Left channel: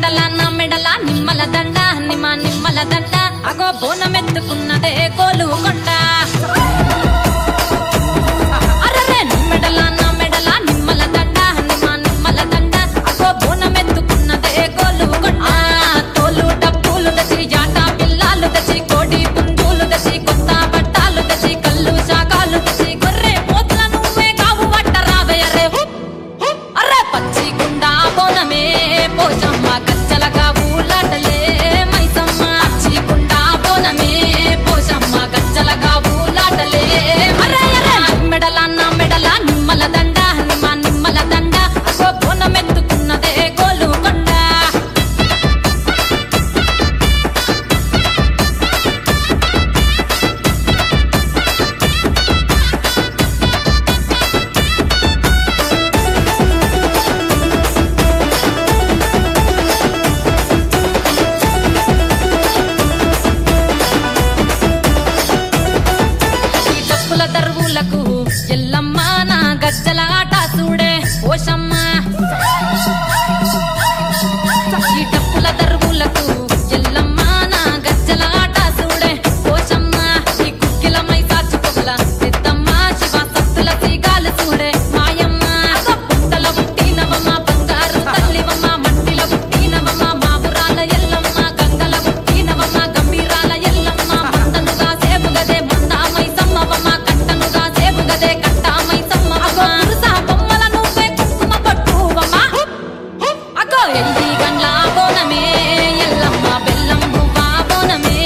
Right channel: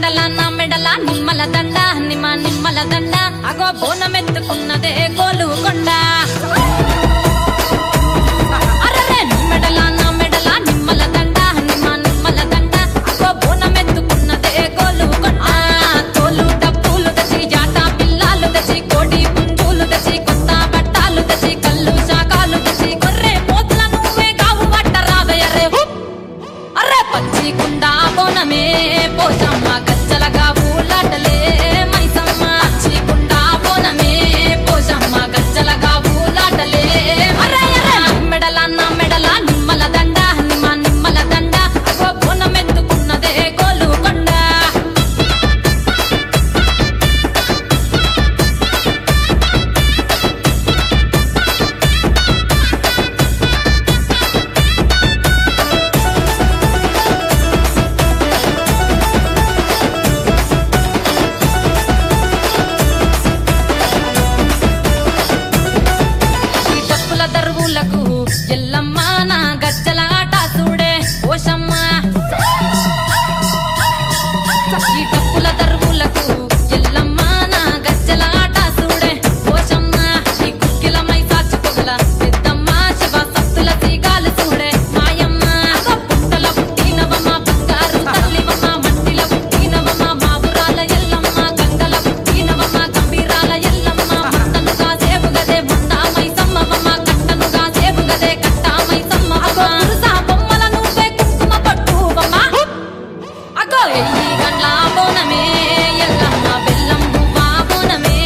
మెడల నిమ్మల దండ నిమ్మల దండ అగో బోనమెత్తుకున్నదే గోలుకొండ అరరే మెడల నిమ్మల దండ నిమ్మల దండ అగో బోనమెత్తుకున్నదే గోలుకొండ తోలు డప్పులు దచి జాటా పిల్లాలు దచి కోడి పుంజులు దచి కొత్త బట్టాలు దచి కళ్ళు శాకాలు దచి గొర్రె పోతుల నువ్వే కావు వట్ట రావయ్యరే అర్రే పచ్చి కుండా బోనమే పోషమ్మ గచ్చలగా ఊలాటలే మైసమ్మ పచ్చి కుండా బోనమే పోషమ్మ గచ్చలగా ఊలాటలే అర్రే మెడల నిమ్మల దండ నిమ్మల దండ అగో బోనమెత్తుకున్నదే గోలుకొండ దర్వులకు ఎల్లమ్మ నా గజ్జల ఆట చూడే ఓషమ్మ ఈ డప్పుల దర్వులకు ఎల్లమ్మ నా గజ్జల ఆట చూడే ఓషమ్మ ఈ కుక్కిల మై సాచి పొగల పెద్దమ్మ శివ సప్తుల సీగాలు చూడే మాయమ్మ పుట్టల పుట్టినవమ్మ బంగారు తల్లివమ్మ మట్టిల పుట్టినవమ్మ మాబురాల ఎల్లమ్మ గంగల పుట్టినవమ్మ గంభీరాల ఎల్లమ్మ మందనుగా సేపుగదే మందామై సమ్మవమ్మ గదే కట్టామై సమ్మవమ్మ పురుసా బొమ్మల నువ్వే కుంకుమ పట్టువమ్మ అగో ఎల్లి గండ్ల బోనమే ఎల్లమ్మ బెల్లం బువ్వా బోనమే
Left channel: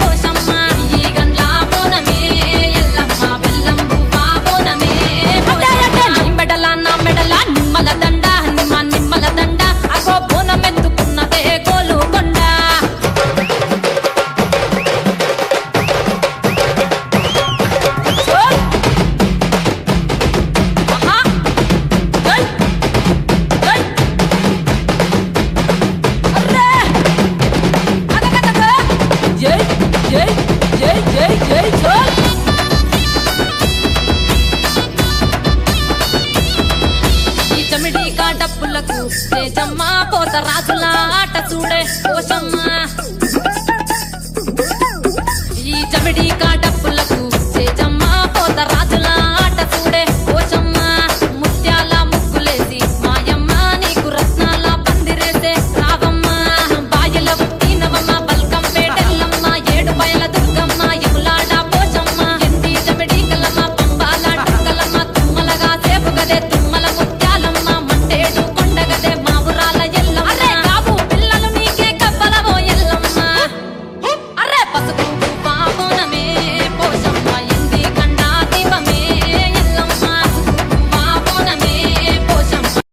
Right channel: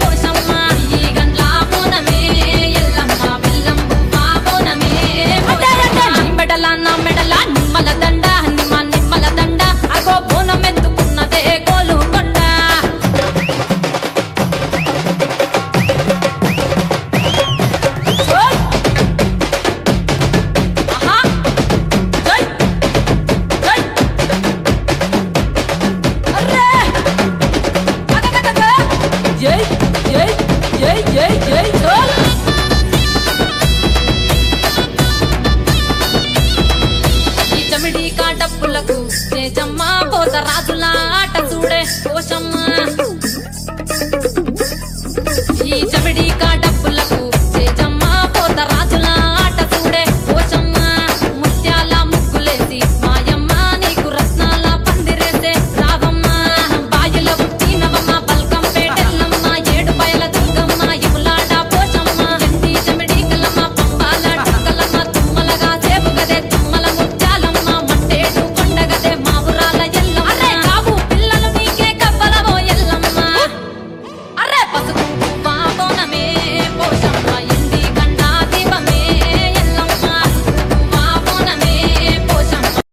పోషమ్మ ఈ గండ్ల బోనమే ఎల్లమ్మ బెల్లం బువ్వా బోనమే మెడల నిమ్మల దండ నిమ్మల దండ అగో బోనమెత్తుకున్నదే గోలుకొండ జై చోల్ ఈ చమిడి కాటప్పులకు తేజమ్మ పోత రాజుల ఆట చూడే పోషమ్మ ఈ చమిడి కాటప్పులకు తేజమ్మ పోత రాజుల